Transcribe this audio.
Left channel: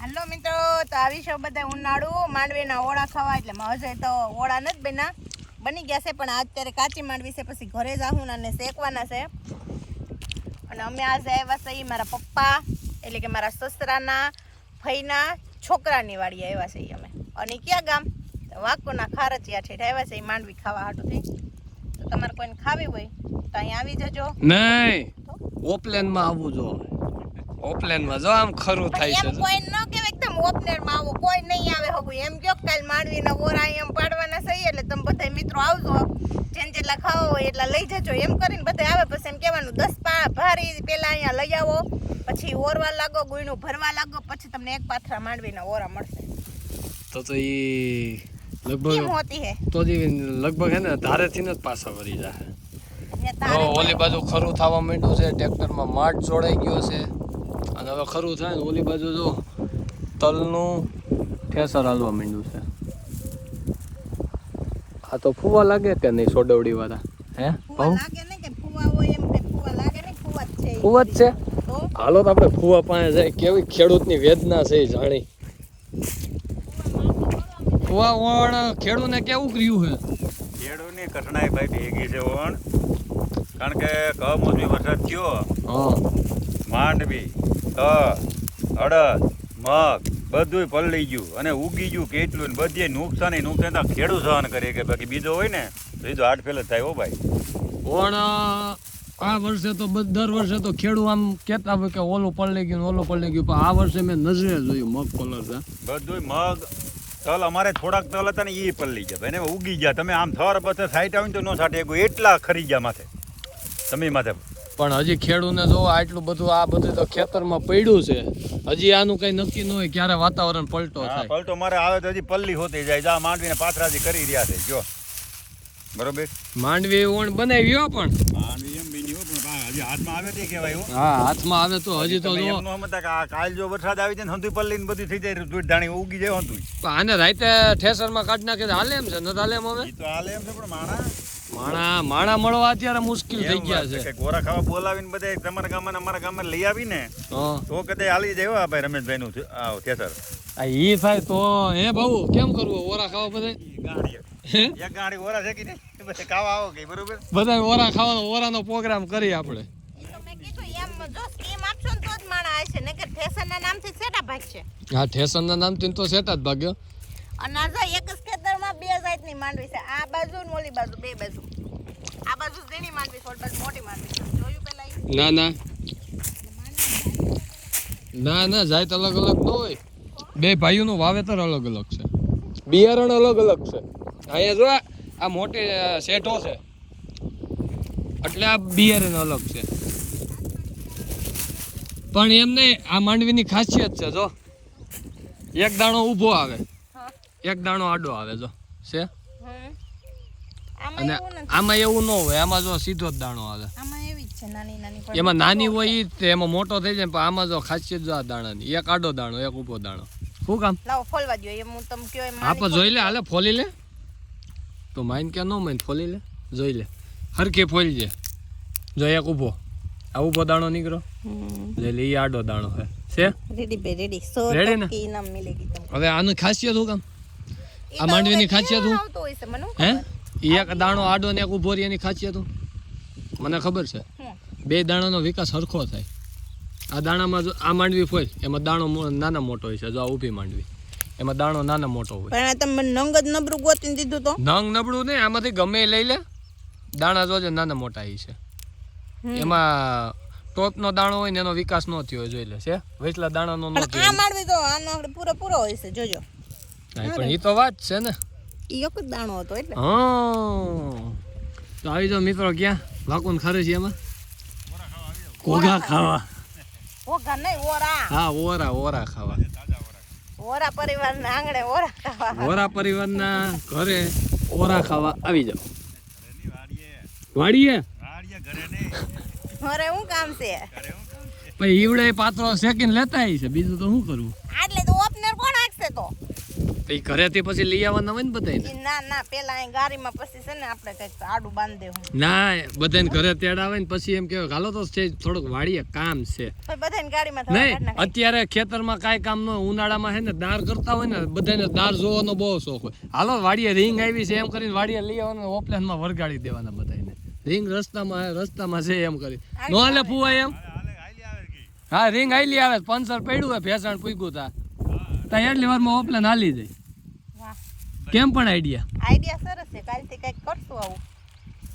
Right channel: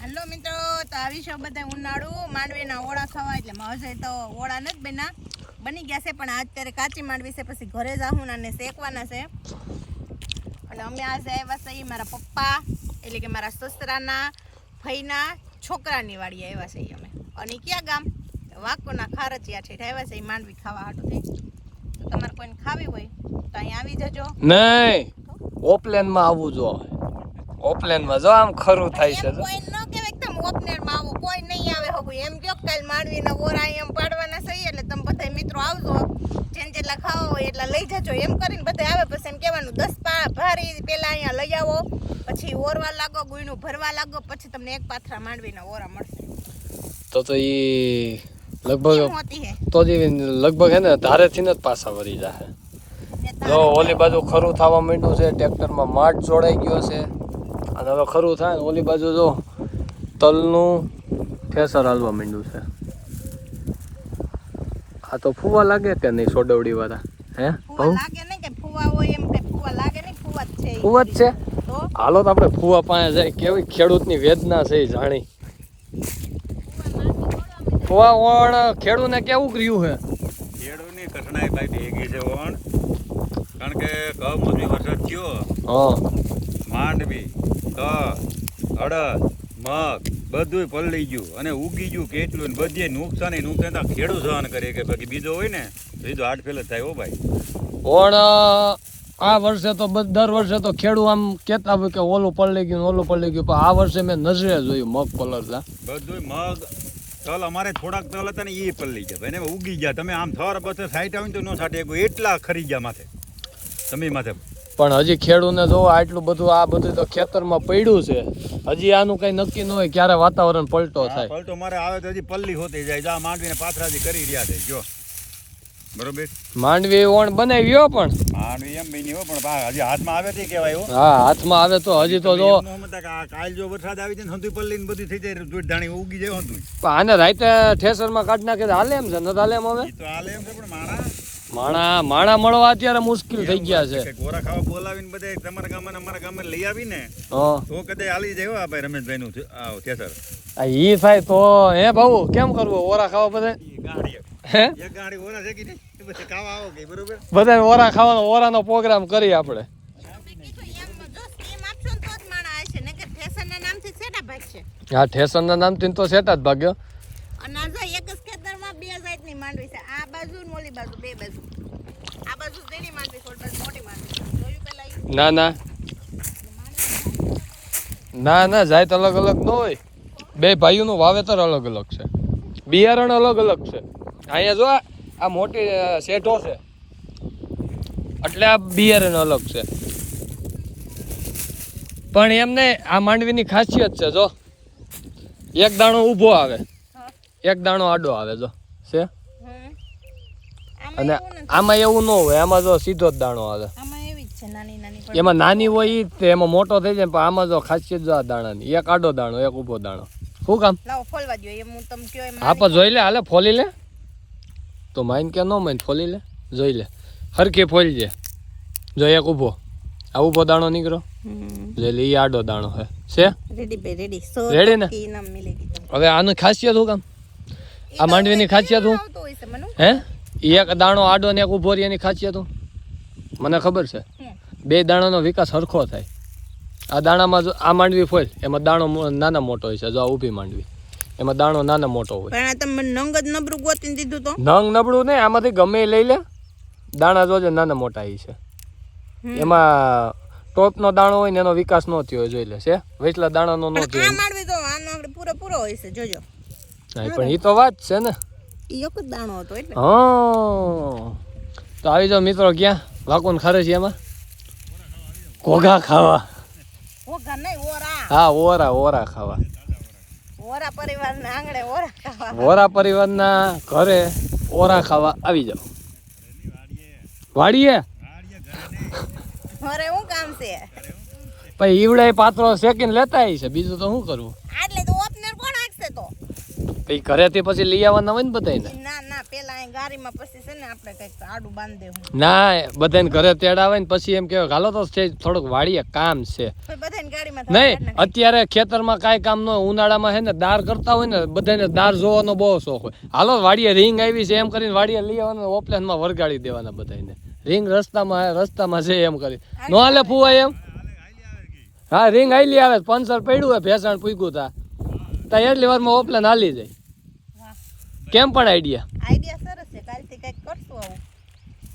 હાલો મિત્રો, તો આવી છે બધા ઉનાળુ માંડવીના ઓળા ખાવા. એટલે હજે તો ઓળા નથી બન્યા, બની ગયા છે, પણ અત્યારે કાચી માંડવી છે. પછી ઘરે જાહું અને શેકવાના છે. અને અમે આજે આવ્યા છે મારા પપ્પા એટલે કે મારા સસરાના ફઈના છોકરાની વાડી આવ્યા છે અમે. અને ક્યાં ગામ? વાંકોના ખારચિયા ઠેઠ આવ્યા છે માંડવી ખાવા હાટુથી. તો તમારે કોઈને ખાવી હોય તો અહીંયા આવી જજો. નહીં, ઓપલેનમાં આવવું જો. ઓપલેનમાં જો આમ ખરું થાય છે. એમ કોઈ ન કહેવાય કે તમે ઓપલેનમાં આવો, કોઈ નહીં આવે હગું. એમ કયો કાલ માંડવીના ઓરા એમ પાડવાના છે, એટલે તમે બધા મિત્રો આવજો, જેટલા ખાવા હોય એટલા લઈ જજો. એમ કરીને બધા આવે. પછી એમ કહેવાનું 10 ભારી પેલા અહીંયા લઈ આવો, પછી ઓરવા લાગો, ગુયનું ભરવા લાગો, પછી તમને એક પાથરા માંડવીના ઓરા મળશે. તો ઈ લગભગ તો લગભગ હે ને ધારેથી ને જ પાછા વળી જાય. ઓલી બાજુ ખરું થવા માંડ્યું છે, ટ્રેક્ટરમાં માટ જોડાઈ ગયો છે. અને હવે ખરું થાય ઓલી બાજુ જો તલનું ઠેસર હાલવા માંડ્યું છે. આ તો ફુવા લાગે કે નહીં સોડવડી વાળા? હે ફુવા લાગે નહીં કે ફુવા હોય એમ કઈ ફુવા લાગે નહીં. ફુવા જ છે. ફુવા જ છે. હાલો તો આપણે ફુવા પાસે જાય. કેવી ખેડૂતની વેદના છે જાણી. ફુવા ઓણ ખેડૂતને કેવું કર્યું છે? ખેડૂતની કઠણાઈ ભાઈ ભેગી છે ઓણ. કારણ કે કમોસમી વરસાદ થયો, માંડવી, અડદ, મગ બધું પલળી ગયું અને ઉગી ગયું કેટલું ને બધે નુકસાન તો ખેડૂત સહન કરે કે બાકી બીજો હોય ને તો એ તો હાટ ફેલ જ થાય. હો ભાઈ ઓણ આ વર્ષે તો દર વર્ષે તો ખેડૂત આમ કહેતા હોય કે ઓલું પલળી ગયું ઓલું પલળી ગયું, પણ આ વર્ષે મેં નજરે જોયું મગ પલળતા. બધું મગ તલ અમારે થોડાક તલ હતા ને એ પલળી ગયા એને ઉગી ગયા. તમે આમ થર બસ સાઈટ આવીને તો ન છાંટે એટલા ખરી ગયા માથે તમે માથે. પણ હજી ખેડૂતને જો આટલું બધું આ બધું તો ખેતરમાં પડ્યું છે. હજી આનું કઈ નક્કી ન હોય ક્યારે વાતાવરણ પલટો થાય. પલટો મારે આવે તો હજી પલ્લી હોતી જાય. જા માંડવીને પાથરાજી કરી રહ્યા છે જો. બરોબર, માંડવી ઓણ બનાવી ગયો પણ માંડવી એમ બની હો, પણ હજી હાથમાં આવે તે કહેવાય. હા, હાથમાં આવે તો હજી તો જો કાલ જો વરસાદ આવી જાય હંધુઈ પલ્લી ને બધું થઈ જાય, દૂધ ધાણી ઉગી જાય હંધુઈ. આને રાતે ઠેસરમાં કાઢ નાખે હાલે એમ છે? નથી હાલે એમ હવે? તો હાલે એમ છે, પણ માણા મળવા અત્યારે મુશ્કેલ થઈ ગયા છે. ગોરા ખાવા બોલાવીને બધા તમારા ગામમાં અમારા ગામમાં લઈ આવીને તો કદાચ હાલી જાય. ભાઈ રમેશભાઈ નું ઠેસર ઈ થાય તો હે ભાऊ કેમ કરવું? ઓરા ખાવા બધા એક ગાડી ઓરા છે કે નહીં બધા ખાવા આવો કે બરોબર. બધા ઓરા ખાવાનો ઓરાનો પ્રોગ્રામ કરી આપણે. હા, ઠેસરના નામથી તો સેટા જ ભાગ્યો. અને આ એક જ ખેતરમાં બે જાતની માંડવી છે. આ બાજુ ને ઓલી બાજુ, બે બાજુ. આ બાજુ ઝીણી માંડવી છે, ઓલી બાજુ મોટી માંડવી છે. જોયું પેલા? ના જાત અલગ અલગ ન હોય. બે ભાઈઓનું વાવેતર અલગ અલગ છે, બિયારણ અલગ અલગ છે. અહીંયા જો આ મોટી શેઠો છે એટલે આ બિયારણ અલગ છે. પણ એમને આ માંડવીની ખાસિયત છે જો એક દાણો ઊભો આવે, એક દાણો આડો આવે જો છે. અને આમાં એવું ન હોય, આમાં જો સીધો જ દાણો આવે. એમાં નાની હોય ઈ જ, એમાં મોટો થઈ જાય. પણ આમાં જો ખાસિયત જો આ દાણાની, એક આડો દાણો એક ઊભો દાણો. શું કામ? લાવો ફોલવા દો. એમ હું તમ કયો એમ હા, પણ જોઈ લે, હાલે ફોલી લે તો માઈન કે ન માઈન ફોલી લે. જોઈ લે હરખી ફોલી જાય. જો એક ઊભો, આ ઊભો દાણો નીકળો જોઈ લે, ઈ આડો દાણો છે. રેડી બે રેડી રેડી ને? કી નામ મિલેગી તમને. હવે આની ખાસિયત શું કામ? આ માંડવીની ખાસિયત શું હે? એક દાણો આડો ને એક ઊભો રહે એની ખાસિયત શું મને ખબર છે. બે દાણાનો વિકાસ સરખો થાય. આ દાણામાં જો આ માંડવી ફોલ એમાં દાણો નાના મોટો હોય છે. જો આ ઊભી માંડવી એમાં દાણો નાના મોટો હોય. પણ આ તમે નંગ જ નબળું ગોતીને દીધું તો? નંગ નબળું નહીં, આમાંથી ગમે લઈ લે. દાણા જોજે નાના મોટા આવી છે. એમાં ટોપનો દાણો હોય ને એનો વિકાસ ન થયો હોય જોઈ લે છે. વેચલા દાણાનો ન થયો. આ માંડવી તો આનો આપણે પૂરો હોય છે જોજો. પણ ઈ તો વાત છે ને, ઈ એક જ દાણો હતો એટલે. તો આવી જાવ મિત્રો. ક્યાં વાકોન ખારચિયામાં ઘોઘા ખાવા. ઘોઘા નહીં, ઓરા. હા, ઓરા ખાવા. ઓરા પરિવારના આંગણે ઓરા ખાવા. ઓરા પરિવારના ઘરે ઓરા ખાવા આવી જાવ. વાડીએ ઘરે શું કામ છે? પછી ઈવડે પાત્રો શેકીને લેતા આવી છે. બીજું તો શું કરવું? આટલે તો ઓપનર કોણ હાકશે તો? તો ઈ ઘરેથી પછી લઈ આવવાના હોય ને બધાને ઈ ના પેલા અહીં ગાડીમાં પછી છે ને આપણે કઈક આડું બાંધી દેવું. ના બધાને ઘરે તેડાવે ને પછી એમ કહેવાય હાલો તો સ્ટેજ થોડુંક વાડીએ કામ છે પછી બધાને ગાડીમાં નહીં અત્યારે ખેતરમાં કાંઈ કામ ન હોય ઉનાળામાં હે ને દાર કરતા હોય ને બધાને દાર જોવાનો બહુ શોખ હોય હાલો વાડીએ રીંગ આવી છે એમ કરીને વાડીએ લઈ આવવાના ઓપલેનમાં વરગાડી દેવાના બધાને રીંગ રસ્તામાં છે એમ કરી નો હાલે ફુવા એમ હા રીંગ આઈલી આવે પંચર પડ્યું હોય ભેસાણ પૂગ્યું તા એટલી વારમાં ઓપલેન હાલી જાય વાહ કેમ પણ આઈડિયા આઈડિયા સરસ છે કાલથી કઈક કરશું આવું